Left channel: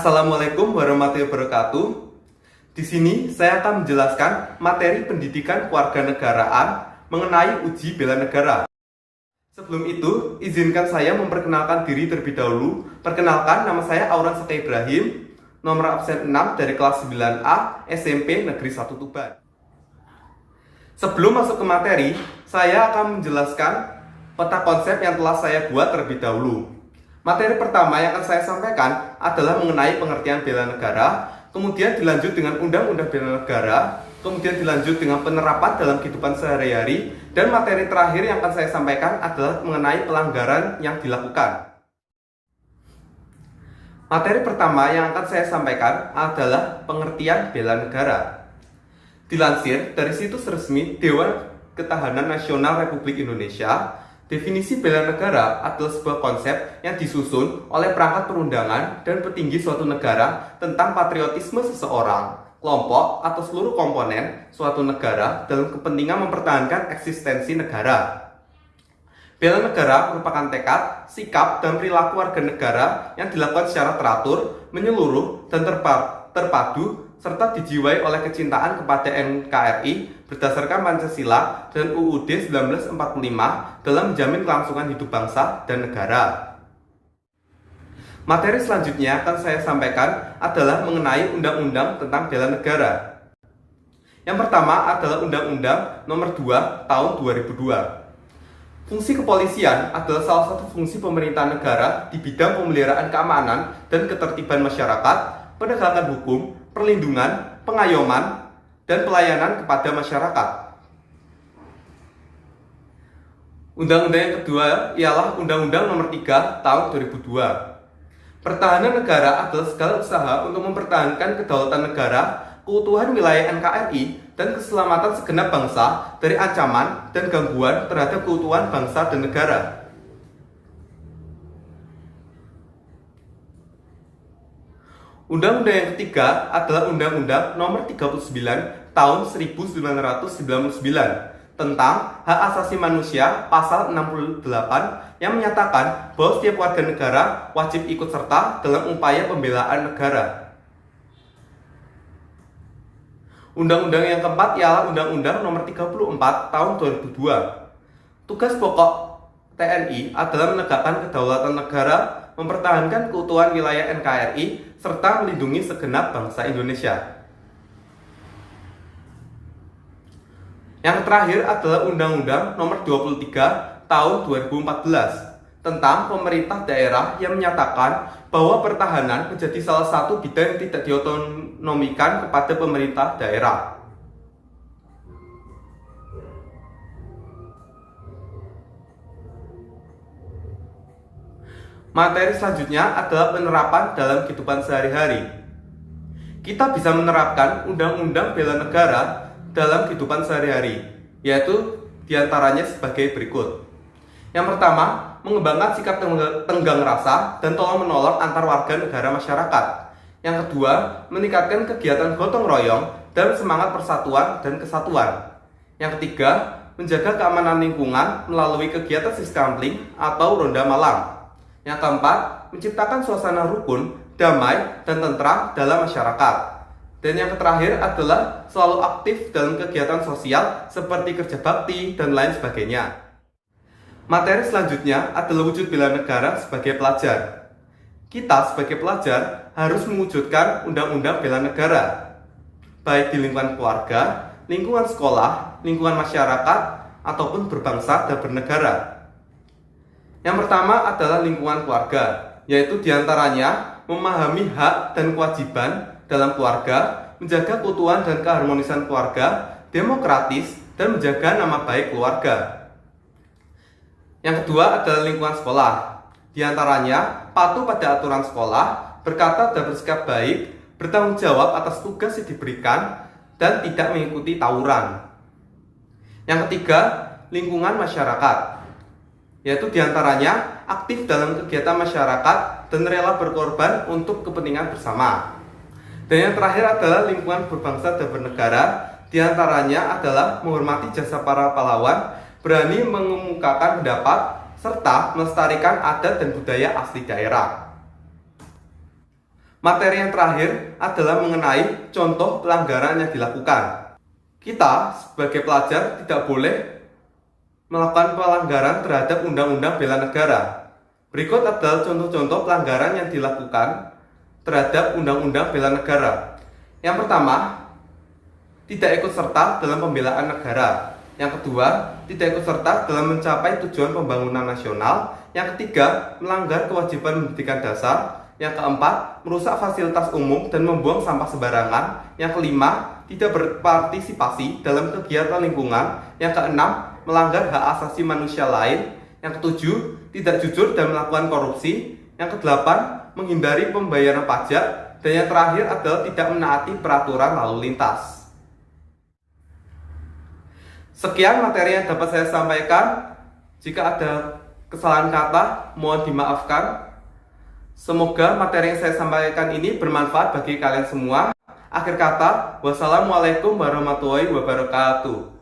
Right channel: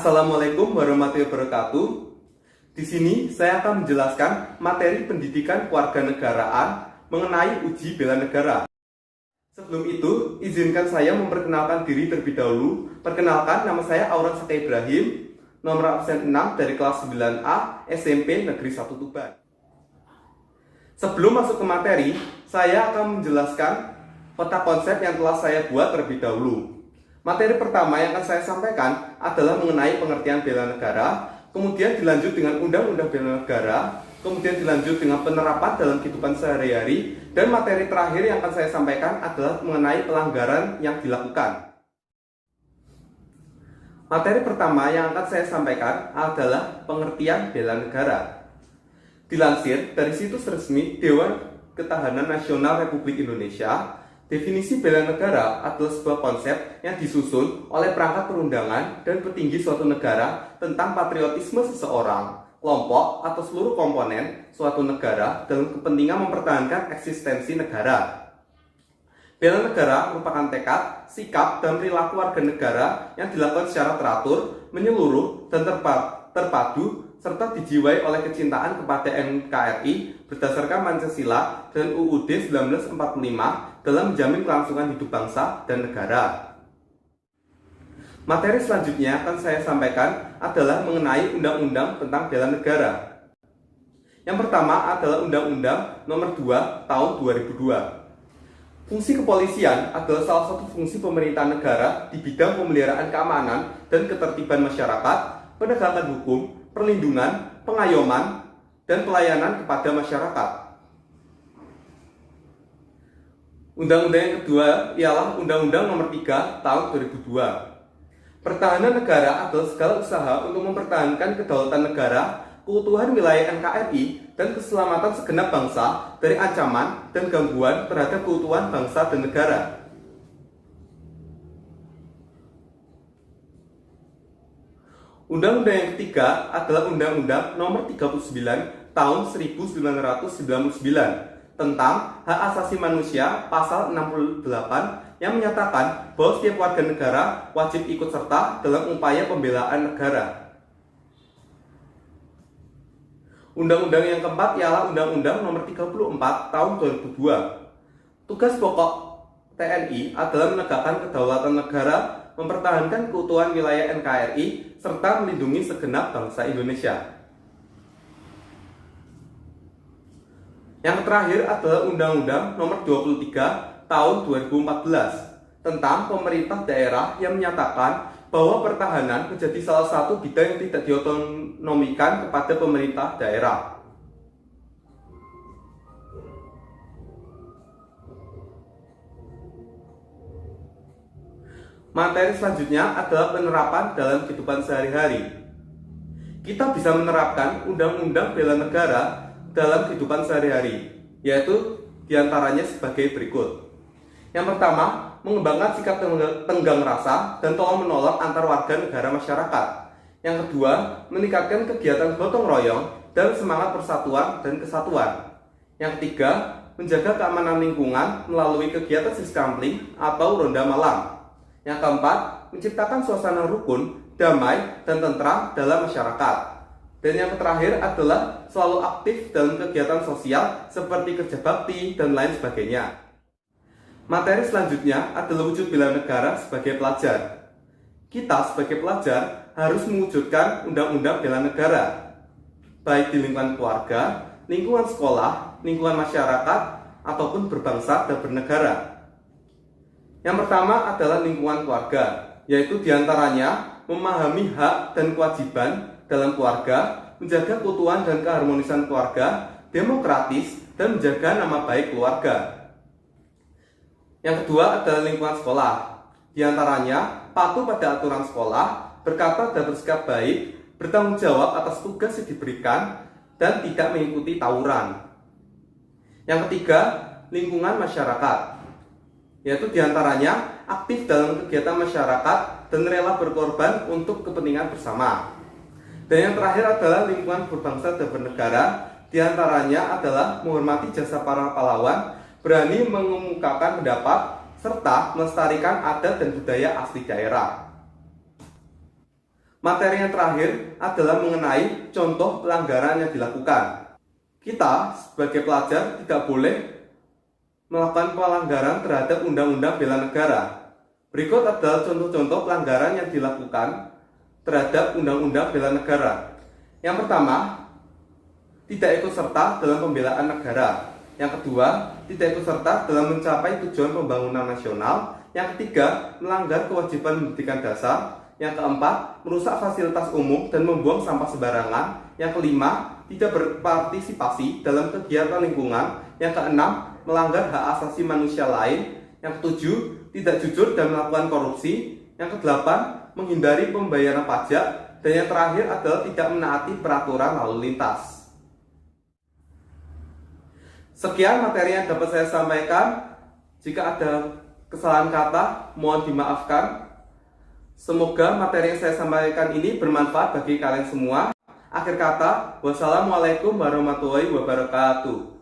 Assalamualaikum warahmatullahi wabarakatuh. Di sini saya akan menjelaskan materi pendidikan kewarganegaraan mengenai uji bela negara. Sebelum itu, izinkan saya memperkenalkan diri terlebih dahulu. Perkenalkan, nama saya Auran Saka Ibrahim, nomor absen 6 dari kelas 9A SMP Negeri 1 Tuban. Sebelum masuk ke materi, saya akan menjelaskan peta konsep yang telah saya buat terlebih dahulu. Materi pertama yang akan saya sampaikan adalah mengenai pengertian bela negara, kemudian dilanjut dengan undang-undang bela negara, kemudian dilanjut dengan penerapan dalam kehidupan sehari-hari, dan materi terakhir yang akan saya sampaikan adalah mengenai pelanggaran yang dilakukan. Materi pertama yang akan saya sampaikan adalah pengertian bela negara. Dilansir dari situs resmi Dewan Ketahanan Nasional Republik Indonesia, definisi bela negara adalah sebuah konsep yang disusun oleh perangkat perundangan dan petinggi suatu negara tentang patriotisme seseorang, kelompok, atau seluruh komponen suatu negara dalam kepentingan mempertahankan eksistensi negara. Bela negara merupakan tekad, sikap, dan perilaku warga negara yang dilakukan secara teratur, menyeluruh, dan terpadu, serta dijiwai oleh kecintaan kepada NKRI berdasarkan Pancasila dan UUD 1945 dalam menjamin kelangsungan hidup bangsa dan negara. Materi selanjutnya akan saya sampaikan adalah mengenai Undang-Undang tentang Bela Negara. Yang pertama adalah Undang-Undang Nomor 2 Tahun 2002. Fungsi kepolisian adalah salah satu fungsi pemerintah negara di bidang pemeliharaan keamanan dan ketertiban masyarakat, penegakan hukum, perlindungan, pengayoman, dan pelayanan kepada masyarakat. Undang-undang yang kedua ialah Undang-Undang Nomor 3 Tahun 2002. Pertahanan negara adalah segala usaha untuk mempertahankan kedaulatan negara, keutuhan wilayah NKRI, dan keselamatan segenap bangsa dari ancaman dan gangguan terhadap keutuhan bangsa dan negara. Undang-undang yang ketiga adalah Undang-Undang Nomor 39 Tahun 1999 tentang Hak Asasi Manusia Pasal 68 yang menyatakan bahwa setiap warga negara wajib ikut serta dalam upaya pembelaan negara. Undang-undang yang keempat ialah Undang-Undang Nomor 34 Tahun 2002. Tugas pokok TNI adalah menegakkan kedaulatan negara, mempertahankan keutuhan wilayah NKRI, serta melindungi segenap bangsa Indonesia. Yang terakhir adalah Undang-Undang Nomor 23 Tahun 2014 tentang pemerintah daerah yang menyatakan bahwa pertahanan menjadi salah satu bidang yang tidak diotonomikan kepada pemerintah daerah. Materi selanjutnya adalah penerapan dalam kehidupan sehari-hari. Kita bisa menerapkan Undang-Undang Bela Negara dalam kehidupan sehari-hari, yaitu diantaranya sebagai berikut. Yang pertama, mengembangkan sikap tenggang rasa dan tolong-menolong antar warga negara masyarakat. Yang kedua, meningkatkan kegiatan gotong royong dan semangat persatuan dan kesatuan. Yang ketiga, menjaga keamanan lingkungan melalui kegiatan siskampling atau ronda malam. Yang keempat, menciptakan suasana rukun, damai, dan tentram dalam masyarakat. Dan yang terakhir adalah selalu aktif dalam kegiatan sosial seperti kerja bakti dan lain sebagainya. Materi selanjutnya adalah wujud bela negara sebagai pelajar. Kita sebagai pelajar harus mewujudkan Undang-Undang Bela Negara, baik di lingkungan keluarga, lingkungan sekolah, lingkungan masyarakat, ataupun berbangsa dan bernegara. Yang pertama adalah lingkungan keluarga, yaitu diantaranya memahami hak dan kewajiban dalam keluarga, menjaga keutuhan dan keharmonisan keluarga, demokratis, dan menjaga nama baik keluarga. Yang kedua adalah lingkungan sekolah, diantaranya patuh pada aturan sekolah, berkata dan bersikap baik, bertanggung jawab atas tugas yang diberikan, dan tidak mengikuti tawuran. Yang ketiga, lingkungan masyarakat, yaitu diantaranya aktif dalam kegiatan masyarakat dan rela berkorban untuk kepentingan bersama. Dan yang terakhir adalah lingkungan berbangsa dan bernegara, diantaranya adalah menghormati jasa para pahlawan, berani mengemukakan pendapat, serta melestarikan adat dan budaya asli daerah. Materi yang terakhir adalah mengenai contoh pelanggaran yang dilakukan. Kita sebagai pelajar tidak boleh melakukan pelanggaran terhadap Undang-Undang Bela Negara. Berikut adalah contoh-contoh pelanggaran yang dilakukan terhadap Undang-Undang Bela Negara. Yang pertama, tidak ikut serta dalam pembelaan negara. Yang kedua, tidak ikut serta dalam mencapai tujuan pembangunan nasional. Yang ketiga, melanggar kewajiban pendidikan dasar. Yang keempat, merusak fasilitas umum dan membuang sampah sembarangan. Yang kelima, tidak berpartisipasi dalam kegiatan lingkungan. Yang keenam, melanggar hak asasi manusia lain. Yang ketujuh, tidak jujur dan melakukan korupsi. Yang kedelapan, menghindari pembayaran pajak. Dan yang terakhir adalah tidak menaati peraturan lalu lintas. Sekian materi yang dapat saya sampaikan. Jika ada kesalahan kata, mohon dimaafkan. Semoga materi yang saya sampaikan ini bermanfaat bagi kalian semua. Akhir kata, wassalamualaikum warahmatullahi wabarakatuh.